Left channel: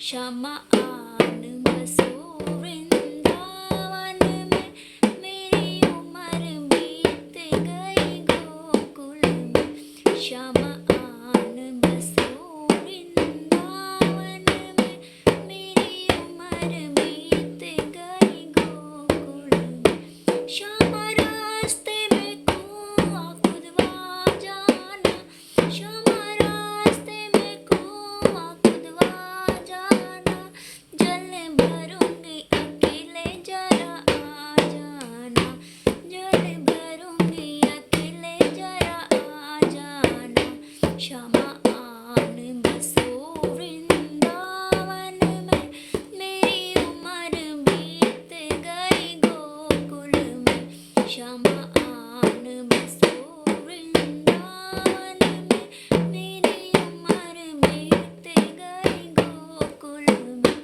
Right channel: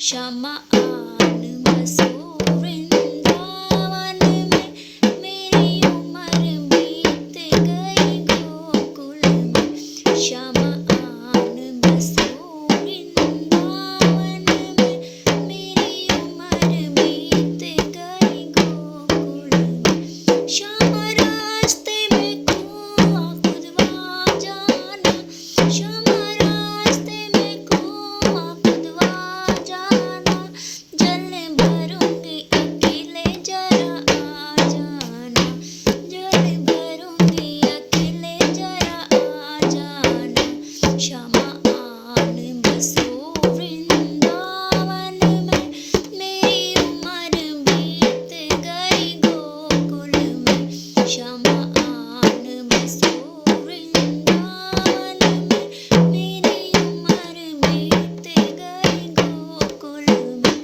श्यामा आन बसो वृंदावन में, मेरी उम्र बीत गई गोकुल में। श्यामा आन बसो वृंदावन में, मेरी उम्र बीत गई गोकुल में। श्यामा रास्ते में कुआं खुदवा जाना, श्यामा रास्ते में कुआं खुदवा जाना, जल भरूंगी अकेले जरा आ जाना, जल भरूंगी अकेले जरा आ जाना। श्यामा आन बसो वृंदावन में, मेरी उम्र बीत गई गोकुल में। श्यामा आन बसो वृंदावन में, मेरी उम्र बीत गई गोकुल में।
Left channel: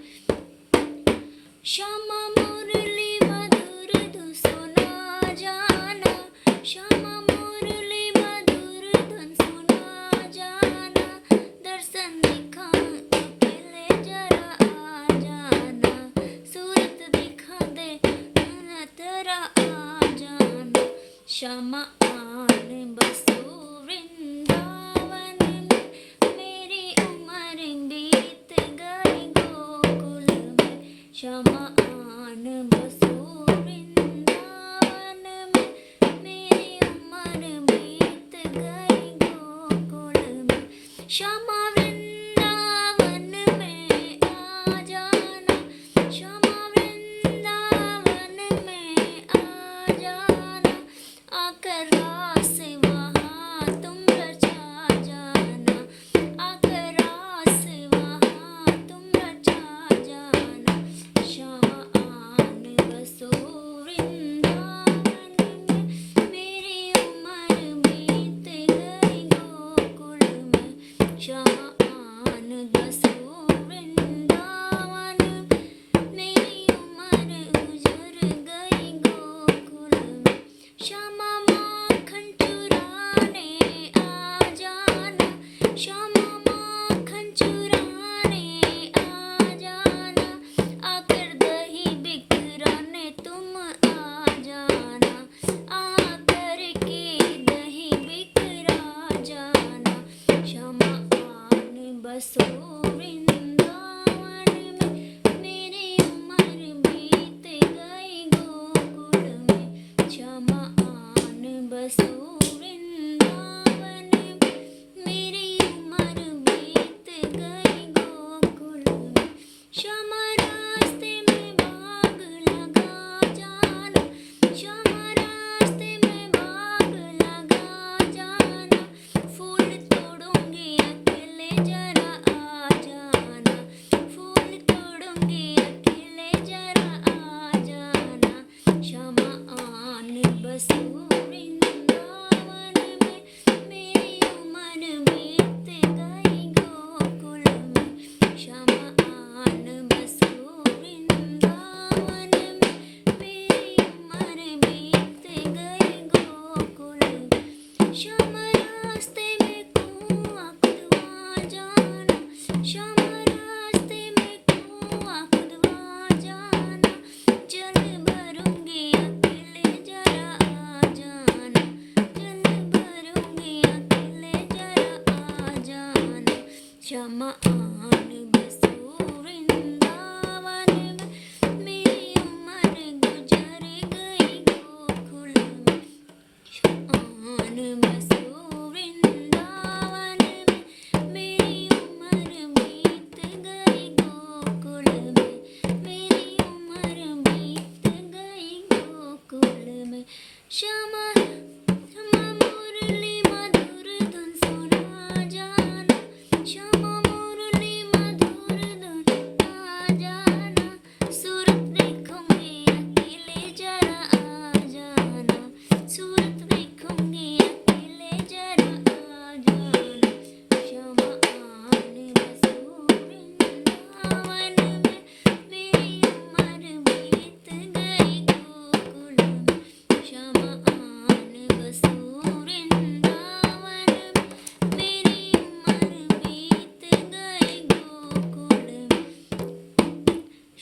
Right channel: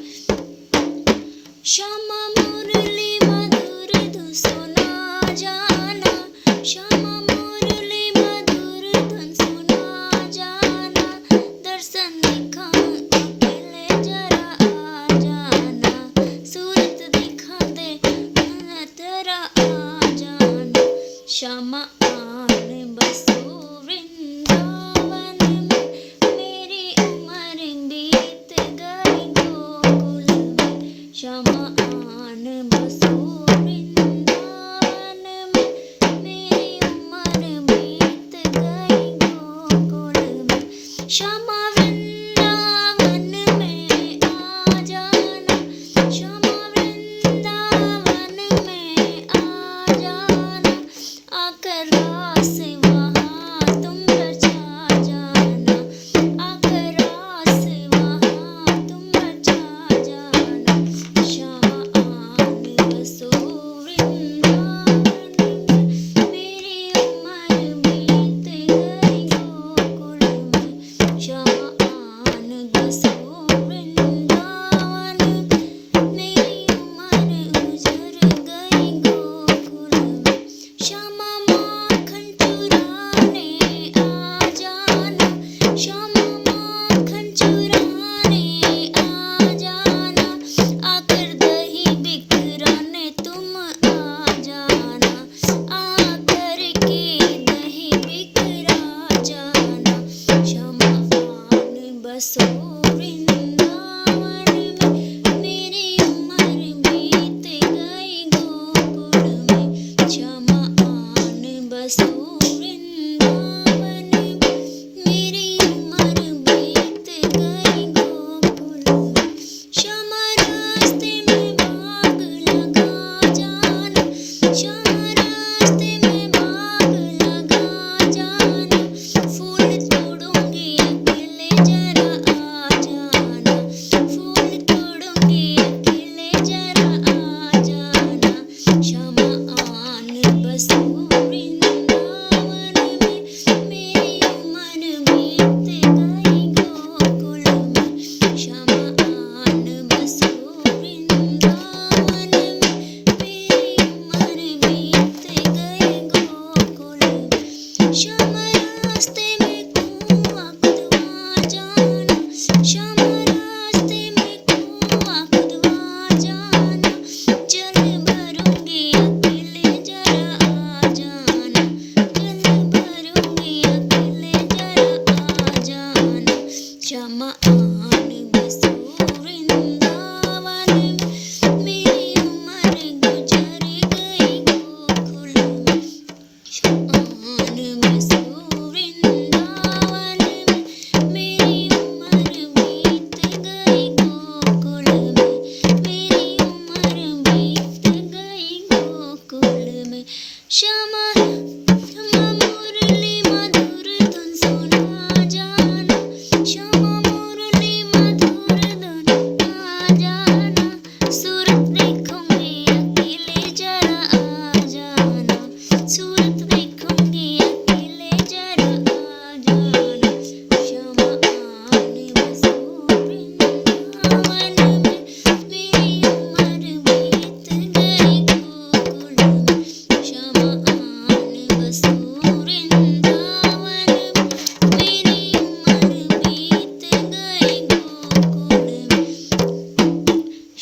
श्यामा मुरली मधुर धुन सुना जाना, श्यामा मुरली मधुर धुन सुना जाना, दर्शन दिखाऊं अकेले जरा आ जाना, सूरत दिखा दे तेरा आ जाना। श्यामा आन बसो वृंदावन में, मेरी उम्र बीत गई गोकुल में। श्यामा आन बसो वृंदावन में, मेरी उम्र बीत गई गोकुल में। श्यामा वृंदावन में आ जाना, श्यामा वृंदावन में आ जाना, आकर रास वहाँ तुम रचा जाना, आकर रास वहाँ तुम रचा जाना। श्यामा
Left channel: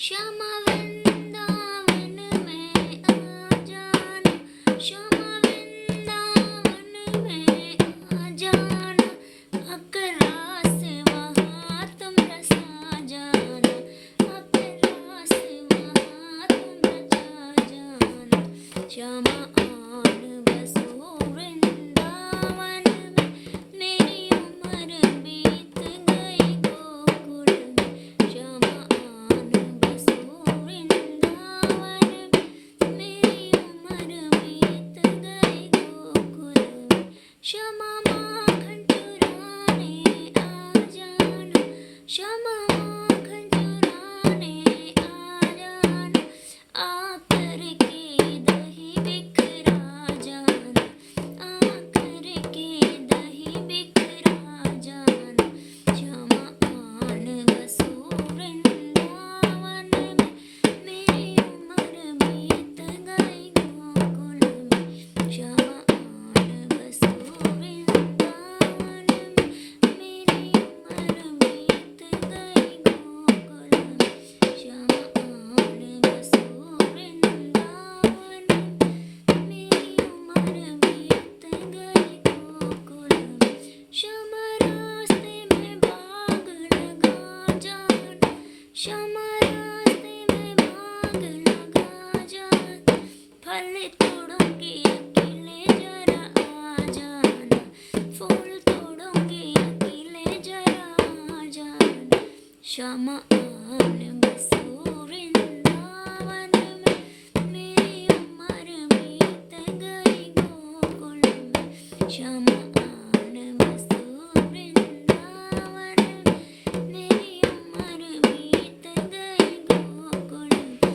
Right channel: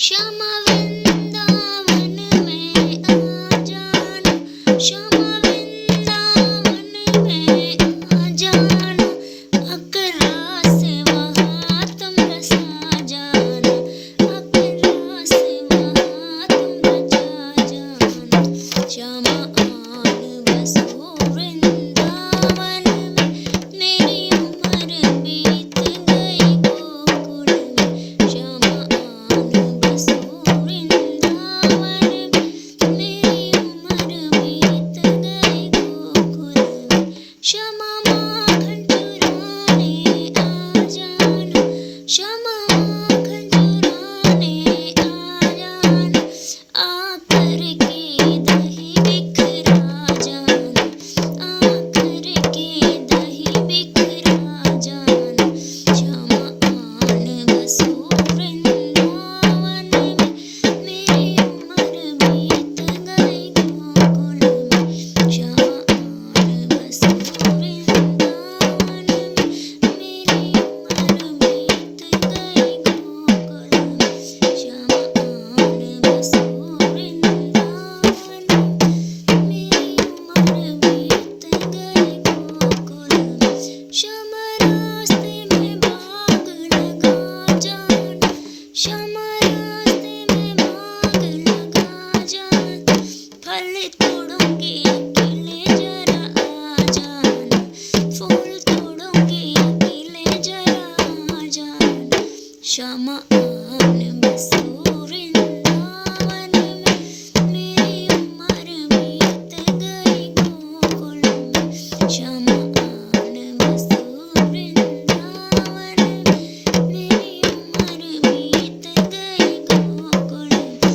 श्यामा वृंदावन में आ जाना, श्यामा वृंदावन में आ जाना, आकर रास वहाँ तुम रचा जाना, आकर रास वहाँ तुम रचा जाना। श्यामा आन बसो वृंदावन में, मेरी उम्र बीत गई गोकुल में। श्यामा आन बसो वृंदावन में, मेरी उम्र बीत गई गोकुल में। श्यामा माखन चुराने आ जाना, श्यामा माखन चुराने आ जाना, आकर के दही बिखरा जाना, आकर के दही बिखरा जाना। श्यामा आन बसो वृंदावन में, मेरी उम्र बीत गई गोकुल में। श्यामा आन बसो वृंदावन में, मेरी उम्र बीत गई गोकुल में। श्यामा आन बसो वृंदावन में, मेरी उम्र बीत गई गोकुल में। श्यामा रास्ते में बाग लगा जाना, श्यामा रास्ते में बाग लगा जाना, फल तोड़ूंगी अकेले जरा आ जाना, फूल तोड़ूंगी अकेले जरा आ जाना। श्यामा आन बसो वृंदावन में, मेरी उम्र बीत गई गोकुल में। श्यामा आन बसो वृंदावन में, मेरी उम्र बीत गई गोकुल में।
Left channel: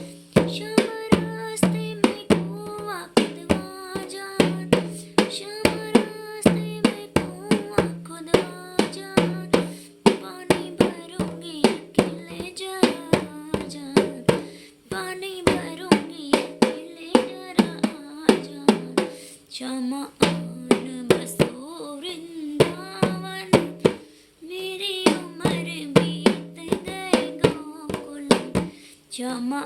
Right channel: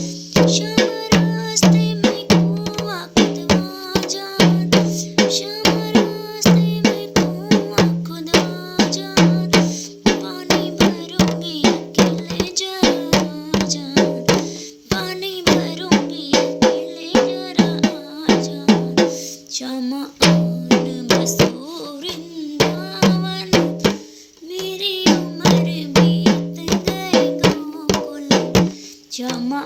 श्यामा रास्ते में कुआं खुदवा जाना, श्यामा रास्ते में कुआं खुदवा जाना, पानी भरूंगी अकेले जरा आ जाना, पानी भरूंगी अकेले जरा आ जाना। श्यामा आन बसो वृंदावन में, मेरी उम्र बीत गई गोकुल में। श्यामा